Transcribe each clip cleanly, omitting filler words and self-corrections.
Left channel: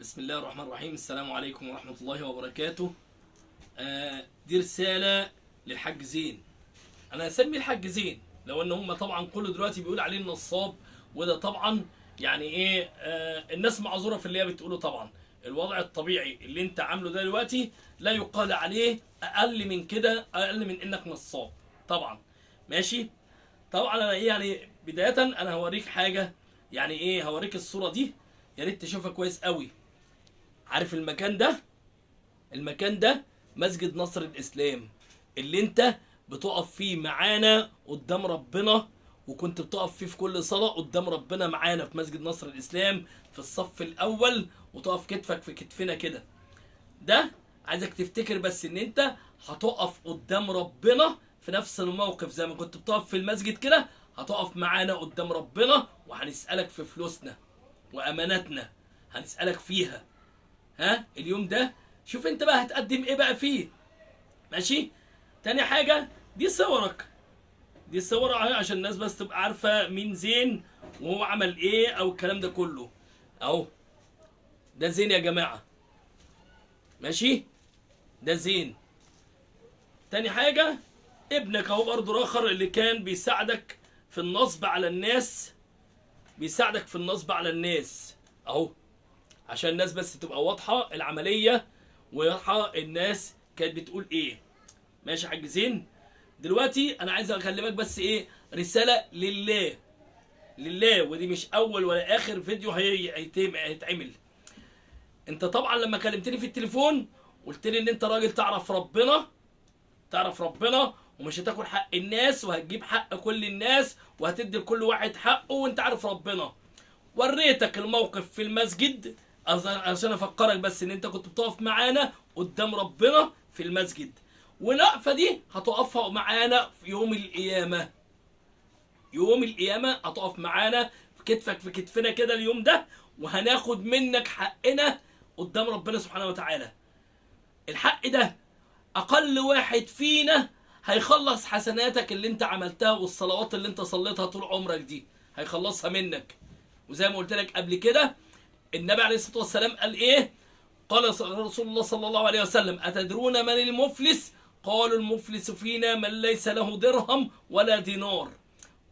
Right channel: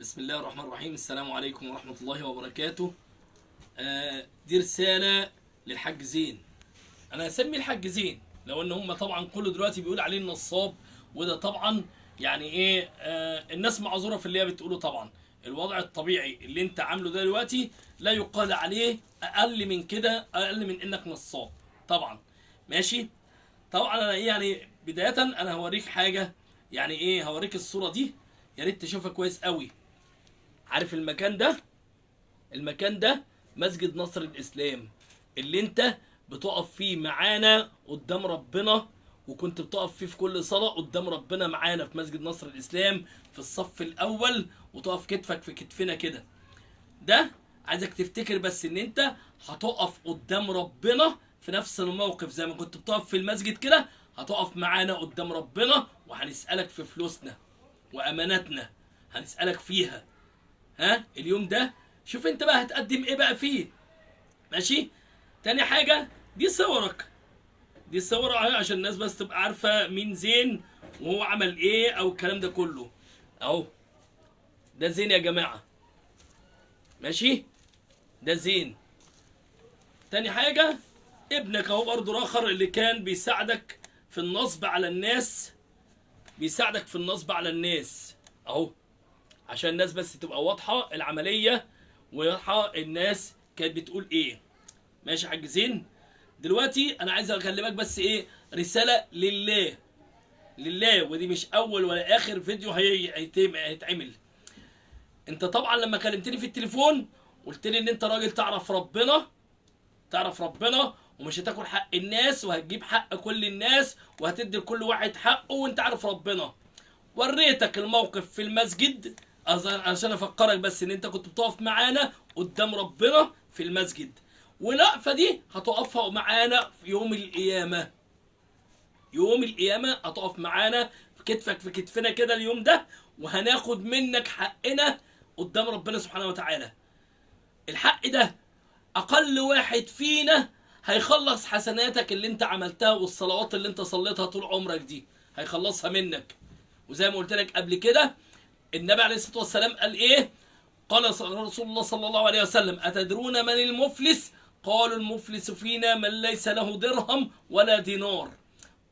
بسم الله الرحمن الرحيم. السلام عليكم ورحمة الله وبركاته. دي رسالة للحاج زين. أنا هسمي الحاج زين لو إن هم طبعا كله دلوقتي بيقول عليه النصاب، وده طبعا يعني إيه، الناس معذورة في اللي هي بتقوله. طبعا الوضع الطبيعي اللي أنت عامله ده دلوقتي لا يقال عليه أقل من كده، أقل من إنك نصاب طبعا. ماشي. طبعا أنا إيه يعني، بداية أنا هوريك حاجة، يعني إيه، هوريك الصورة دي يا ريت تشوفها كويس قوي. عارف المكان ده؟ المكان ده مسجد نصر الإسلام اللي انت بتقف فيه معانا قدام ربنا، وكنت بتقف فيه في كل صلاة قدام ربنا معانا في مسجد نصر الإسلام في الصف الأول، وتقف كتفك في كتفنا كده. ده عايزك تفتكر بس ان انت هتقف قدام ربنا في نفس الموقف زي ما كنت بتقف في المسجد كده، هتقف معانا قدام ربنا وهنسألك في فلوسنا وأماناتنا، هنسألك فيها. ها اليوم ده شوف انت بقى هتقدم ايه بقى فيه. ماشي. تاني حاجة، دي صورك، دي صور عشان الناس بس تبقى عارفة مين زين وهو عمل ايه او الكلام ده كله. اهو ده زين يا جماعة. ماشي، ده زين. تاني حاجة، ابنك اهو برضه راخر اللي كان بيساعدك في النصب على الناس، بيساعدك في النصب على الناس اهو، عشان الناس بس تبقى واضحة العملية وواضحة الناس كانت بتقول ايه. ماشي يا حاج زين. دلوقتي انا عايز اكلمك بس ايه، رسالة لله، لله، ودي مش اول ولا اخر فيديو هيتعمل. انت طبعا لما كلمتني في التليفون قلت لي ان انت راجل تعرف ربنا، تعرف ربنا ومش هتاكل حق الناس وهتجيب حق كل الناس وهتدي لكل واحد حقه وانت عارف ربنا. وريتك الموقف في المسجد عشان افكرك بس ان انت كنت بتقف معانا قدام ربنا في المسجد، والوقفه دي هتقفها معانا في يوم القيامه. يوم القيامه هتقف معانا في كتفك في كتفنا كده اليوم ده، وهناخد منك حقنا قدام ربنا سبحانه وتعالى. الحق ده اقل واحد فينا هيخلص حسناتك اللي انت عملتها والصلوات اللي انت صليتها طول عمرك دي، هيخلصها منك. وزي ما قلت لك قبل كده، النبي عليه الصلاة والسلام قال ايه؟ قال رسول الله صلى الله عليه وسلم: أتدرون من المفلس؟ قالوا: المفلس فينا من ليس له درهم ولا دينار.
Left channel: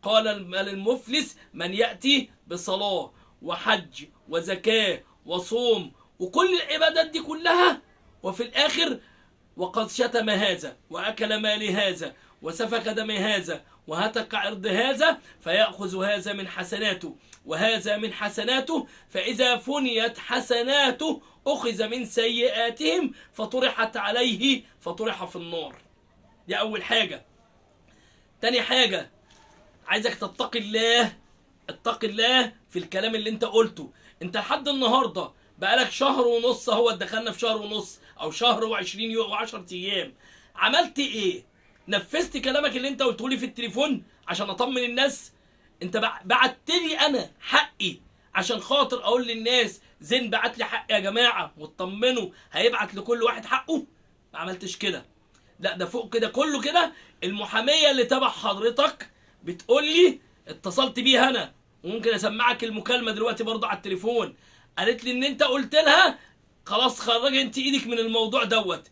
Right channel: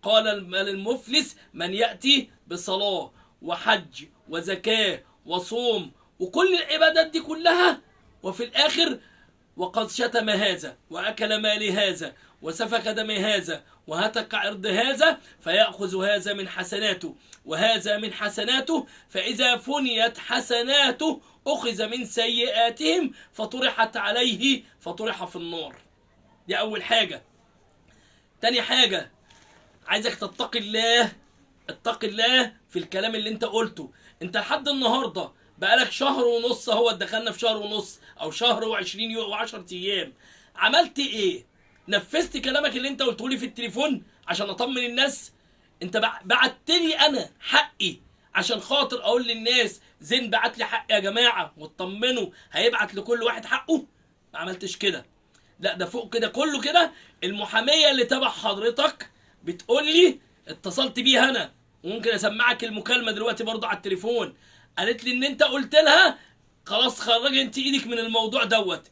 قال: من المفلس من يأتي بصلاة وحج وزكاة وصوم وكل العبادات دي كلها، وفي الآخر وقد شتم هذا وأكل مال هذا وسفك دم هذا وهتك عرض هذا، فيأخذ هذا من حسناته وهذا من حسناته، فإذا فنيت حسناته أخذ من سيئاتهم فطرحت عليه فطرح في النار. دي أول حاجة. تاني حاجة، عايزك تتقي الله، اتقي الله في الكلام اللي انت قلته. انت لحد النهارده بقالك شهر ونص اهو، دخلنا في شهر ونص او شهر و20 يوم و10 ايام. عملت ايه؟ نفذت كلامك اللي انت قلته لي في التليفون عشان اطمن الناس؟ انت بعت لي انا حقي عشان خاطر اقول للناس زين بعت لي حق يا جماعه واطمنوا هيبعت لكل واحد حقه؟ ما عملتش كده. لا ده فوق كده كله كده. المحاميه اللي تبع حضرتك بتقول لي، اتصلت بيها انا وممكن اسمعك المكالمه دلوقتي برضه على التليفون، قالت لي ان انت قلت لها خلاص خرجي انت ايدك من الموضوع دوت.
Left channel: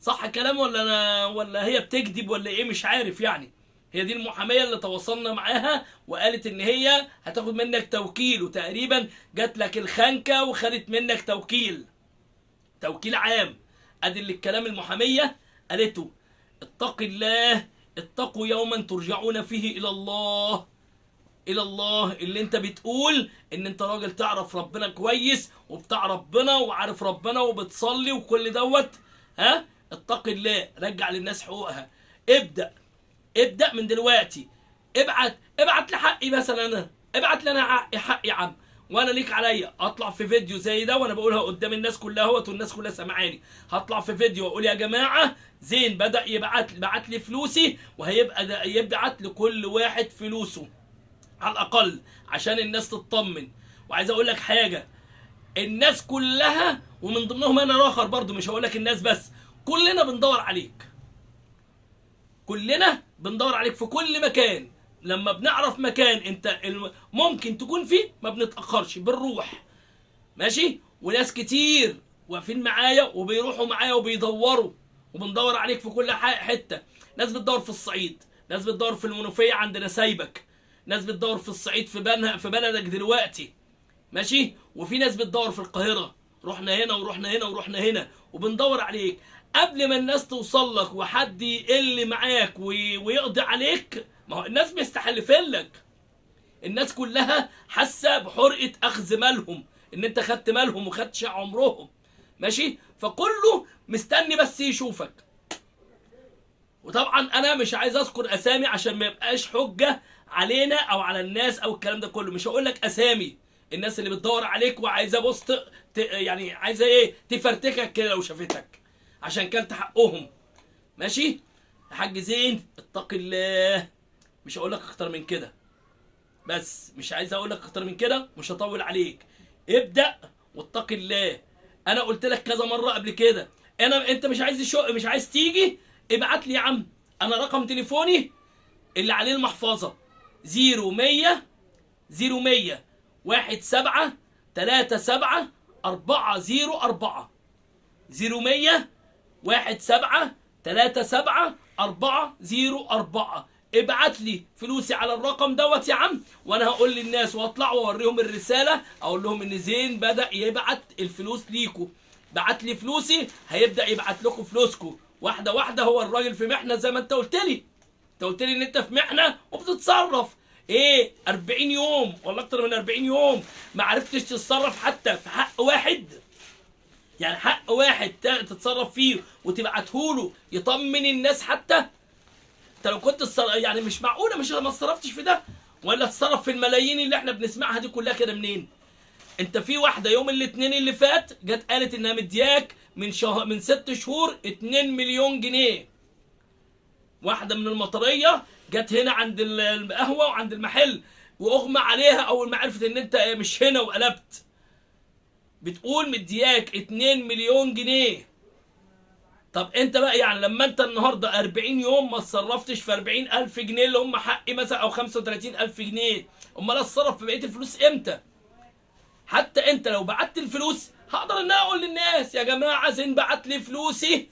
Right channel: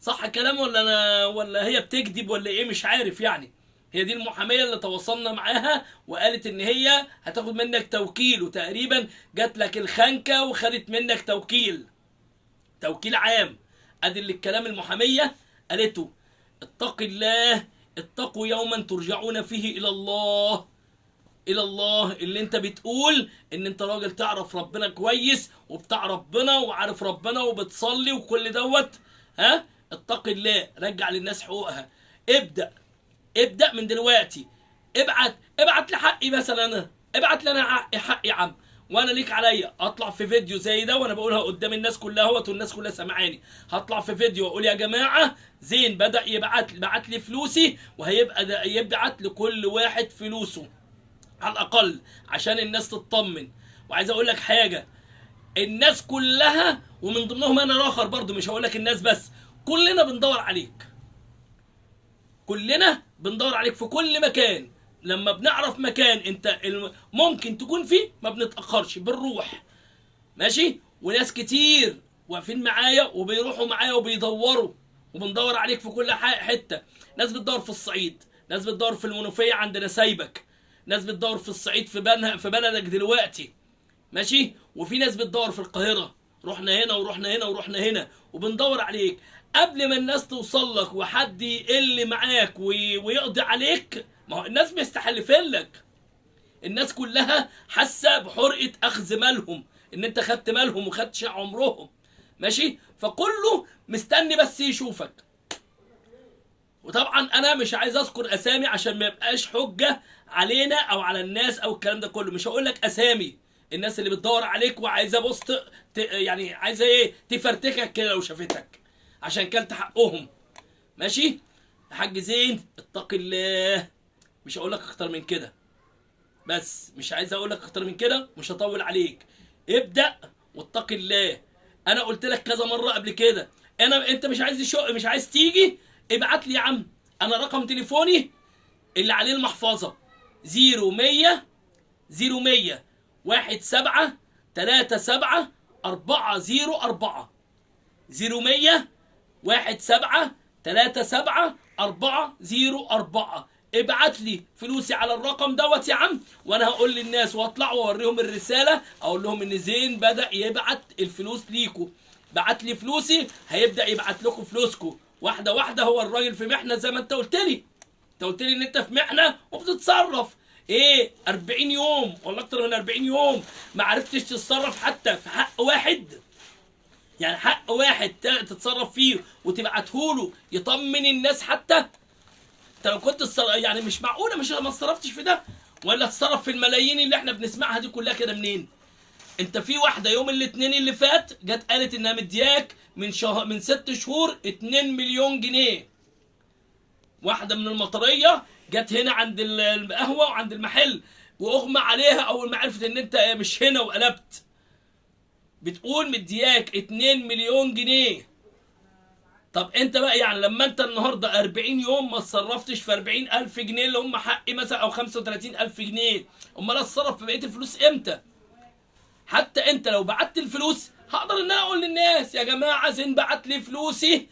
صح كلام ولا انا ولا هي بتكذب ولا ايه؟ مش عارف يعني. هي دي المحاميه اللي تواصلنا معاها وقالت ان هي هتاخد منك توكيل، وتقريبا جات لك الخنكه وخدت منك توكيل عام. ادي اللي الكلام المحاميه قالته. اتق الله، اتقوا يوما ترجعون فيه الى الله. الى الله اللي انت بتقول ان انت راجل تعرف ربنا كويس وبتاع ربنا وعارف ربنا وبتصلي وكل دوت. ها اتق الله، رجع للناس حقوقها. ابدأ من دلوقتي. ابعت لي حقي مثلا، انا ابعت لي انا حقي يا عم، وانا ليك عليا اطلع في فيديو زي ده وانا بقولها قدام الناس كلها اهوت والناس كلها سامعاني. هطلع في فيديو واقول يا جماعه زين بدأ بعت لي فلوسي، وهيبقى يبعت لكل واحد فلوسه على الاقل عشان الناس تطمن. وعايز اقول لك حاجه، الناس كلها ومن ضمنهم انا الاخر برضو، مش هقول لك الناس بس، كلنا بندور عليك، كلنا بندور عليك في كل مكان. لما بنعرف مكان انت ممكن تكون فيه ما بنتاخرش، بنروح. ماشي. وناس كتير واقفين معايا وبيروحوا معايا وبيدوروا، وبندور عليك في كل حته. ناس بتدور في الصعيد، ناس بتدور في المنوفيه عند نسايبك، ناس بتدور في الصعيد في بلدك دلوقتي، ماشي. وفي ناس بتدور في القاهره، رحنا هنا ورحنا هنا ورحنا هنا وبندور عليك. قبل ما الناس توصل لك وحد يقل معاك ويقضي عليك، ما هو الناس مستحلفين لك. الناس كلها حاسه بحرقه اخذ مالهم، ان انت خدت مالهم وخدت عمرهم، ماشي. فكله مستني بس يشوفك. وطبعا انا مش عايز اذكر اسامي عشان ما يبقاش حجه علينا او على الناس او الكلام ده كله. مش هقول لك اسامي الناس اللي بتدور عليك وعايزه بص يعني عايزه ايه تفرتكك كده لو شافتك عشان كلت حقهم، ماشي. يا حاج زين اتق الله، مش هقول لك اكتر من كده، بس مش عايز اقول لك اكتر من كده، مش هطول عليك. ابدا واتق الله. انا قلت لك كذا مره قبل كده، انت مش عايز تيجي، ابعت لي يا عم. انا رقم تليفوني اللي عليه المحفظه 0100 17 37 404 0100 17 37 404. ابعت لي فلوسي على الرقم دوت يا عم، وانا هقول للناس واطلع واوريهم الرساله، اقول لهم ان زين بدا يبعت الفلوس ليكوا. بعت لي فلوسي هيبدا يبعت لكم فلوسكم واحده واحده. هو الراجل في محنه زي ما انت قلت لي، ان انت في محنه وبتتصرف ايه 40 يوم ولا اكتر من 40 يوم ما عرفتش تتصرف حتى في حق واحد. يعني حق واحد تتصرف فيه وتبعته له يطمن الناس حتى. انت لو كنت يعني مش معقوله مش ما اتصرفتش في ده، ولا تتصرف في الملايين اللي احنا بنسمعها دي كلها كده منين؟ انت في واحده يوم الاثنين اللي فات جت قالت انها مدياك من 6 شهور 2 مليون جنيه. واحده من المطريه جت هنا عند القهوه وعند المحل واغمى عليها اول ما عرفت ان انت مش هنا وقلبت. بتقول مدياك 2 مليون جنيه. طب انت بقى يعني لما انت النهارده 40 يوم ما اتصرفتش في 40,000 جنيه اللي هم حقي مثلا او 35,000 جنيه، امال اتصرف في بقيه الفلوس امتى؟ حتى انت لو بعت الفلوس هقدر ان انا اقول للناس يا جماعه زين بعت لي فلوسي،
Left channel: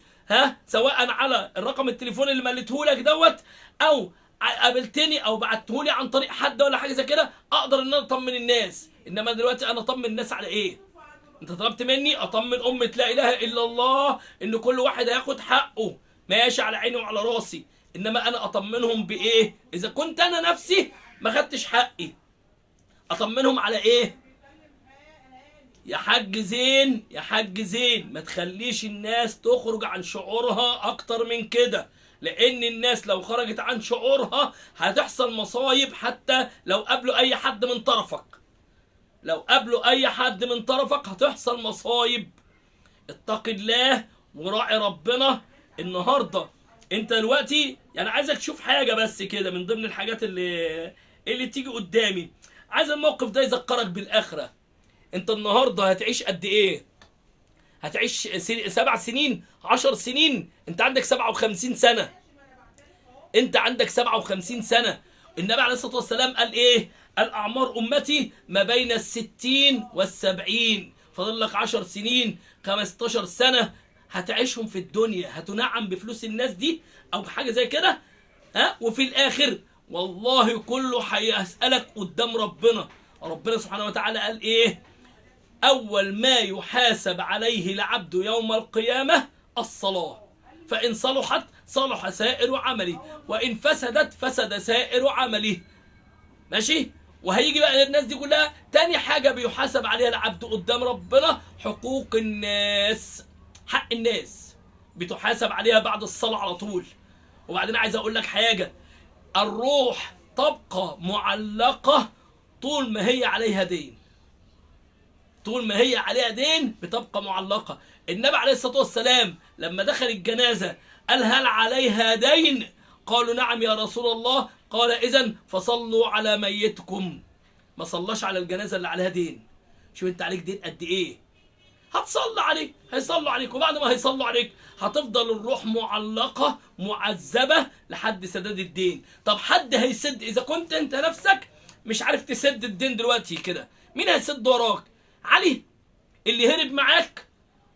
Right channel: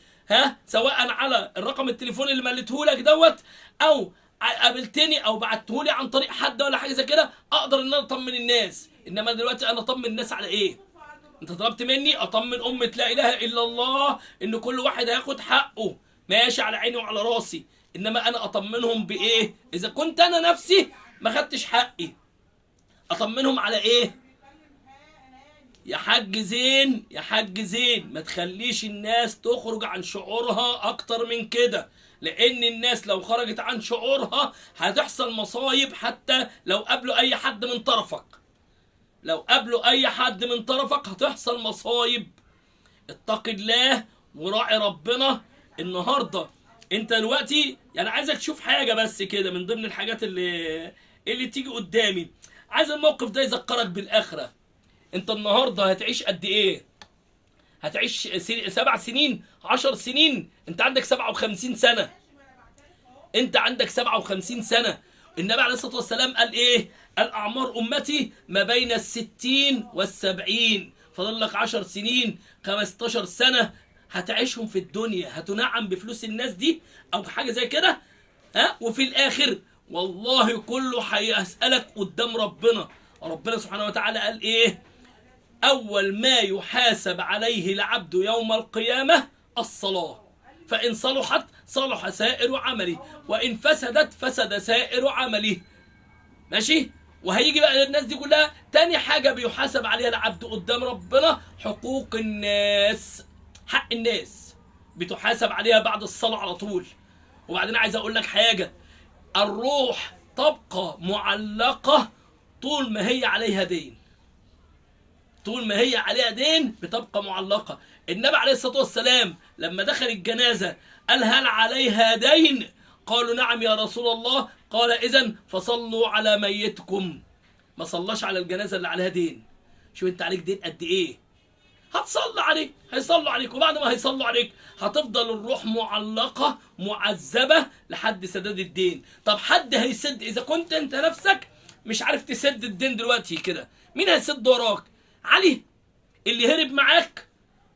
سواء على الرقم التليفون اللي مليته لك دوت، او قابلتني او بعته لي عن طريق حد ولا حاجه زي كده، اقدر ان انا اطمن الناس. انما دلوقتي انا اطمن الناس على ايه؟ انت طلبت مني اطمن امه لا اله الا الله ان كل واحد هياخد حقه، ماشي على عيني وعلى راسي. انما انا اطمنهم بايه اذا كنت انا نفسي ما خدتش حقي؟ اطمنهم على ايه؟ يا حاج زين يا حاج زين ما تخليش الناس تخرج عن شعورها اكتر من كده، لان الناس لو خرجت عن شعورها هتحصل مصايب. حتى لو قابلوا اي حد من طرفك، هتحصل مصايب. اتق الله وراعي ربنا. النهارده انت دلوقتي يعني عايزك تشوف حاجه بس كده من ضمن الحاجات اللي تيجي قدامي. عايز الموقف ده يذكرك بالاخره. انت النهارده هتعيش قد ايه؟ هتعيش 7 سنين 10 سنين؟ انت عندك 57 سنه. النبي عليه الصلاه والسلام قال ايه؟ قال اعمار امتي ما بين 60 وال70. فاضل لك 10 سنين 15 سنه هتعيشهم في الدنيا، هتنعم بفلوس الناس دي او حاجه زي كده. وفي الاخر والله كله هيسالك قدام ربنا. سبحانه وتعالى قال ايه؟ اول ما يحاسب عليه العبد يوم القيامه الصلاه، فان صلحت صلح سائر عمله، وان فسدت فسد سائر عمله، ماشي. وهيجي بقى الناس دي كلها تاني حاجه بيحاسب عليها العبد قدام ربنا حقوق الناس. حق الناس بتحاسب عليها بعد الصلاه على طول. وبعدين عايز اقول لك حاجه، الروح تبقى معلقه طول ما هي عليها دين، بتبقى معلقه. النبي عليه الصلاه والسلام لما دخل الجنازه قال هل عليها دين؟ قالوا نعم يا رسول الله. قال اذن فصلوا على ميتكم. ما صلاش على الجنازه اللي عليها دين. شوف انت عليك دين قد ايه، هتصلي عليك، هيصلوا عليك، وبعد ما هيصلوا عليك هتفضل الروح معلقه معذبه لحد سداد الدين. طب حد هيسد؟ اذا كنت انت نفسك مش عارف تسد الدين دلوقتي كده، مين هيسد وراك؟ علي اللي هرب معاك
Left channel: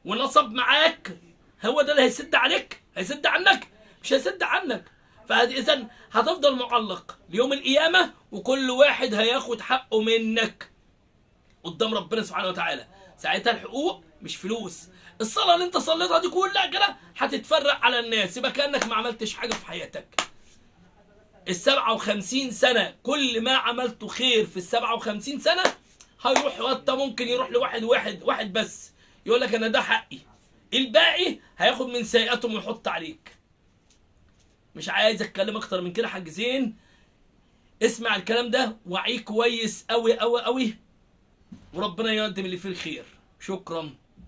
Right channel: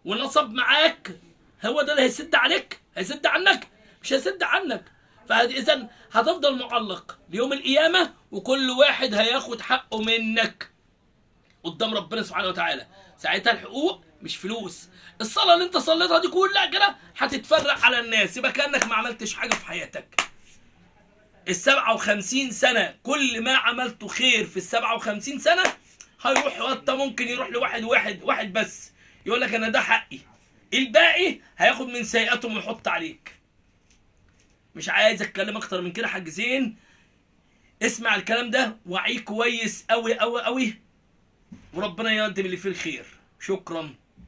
ونصب معاك هو ده اللي هيسد عليك؟ هيسد عنك؟ مش هيسد عنك. فإذا هتفضل معلق ليوم القيامة، وكل واحد هياخد حقه منك قدام ربنا سبحانه وتعالى. ساعتها الحقوق مش فلوس. الصلاة اللي انت صليتها دي كلها كده هتتفرق على الناس، يبقى كأنك ما عملتش حاجة في حياتك. ال57 سنة كل ما عملته خير في ال57 سنة هيروح، وانت ممكن يروح لواحد بس يقول لك انا ده حقي، الباقي هياخد من سيئاتهم ويحط عليك. مش عايز اتكلم اكتر من كده. حاج زين اسمع الكلام ده وعيه كويس قوي قوي قوي، وربنا يقدم اللي فيه الخير. شكرا.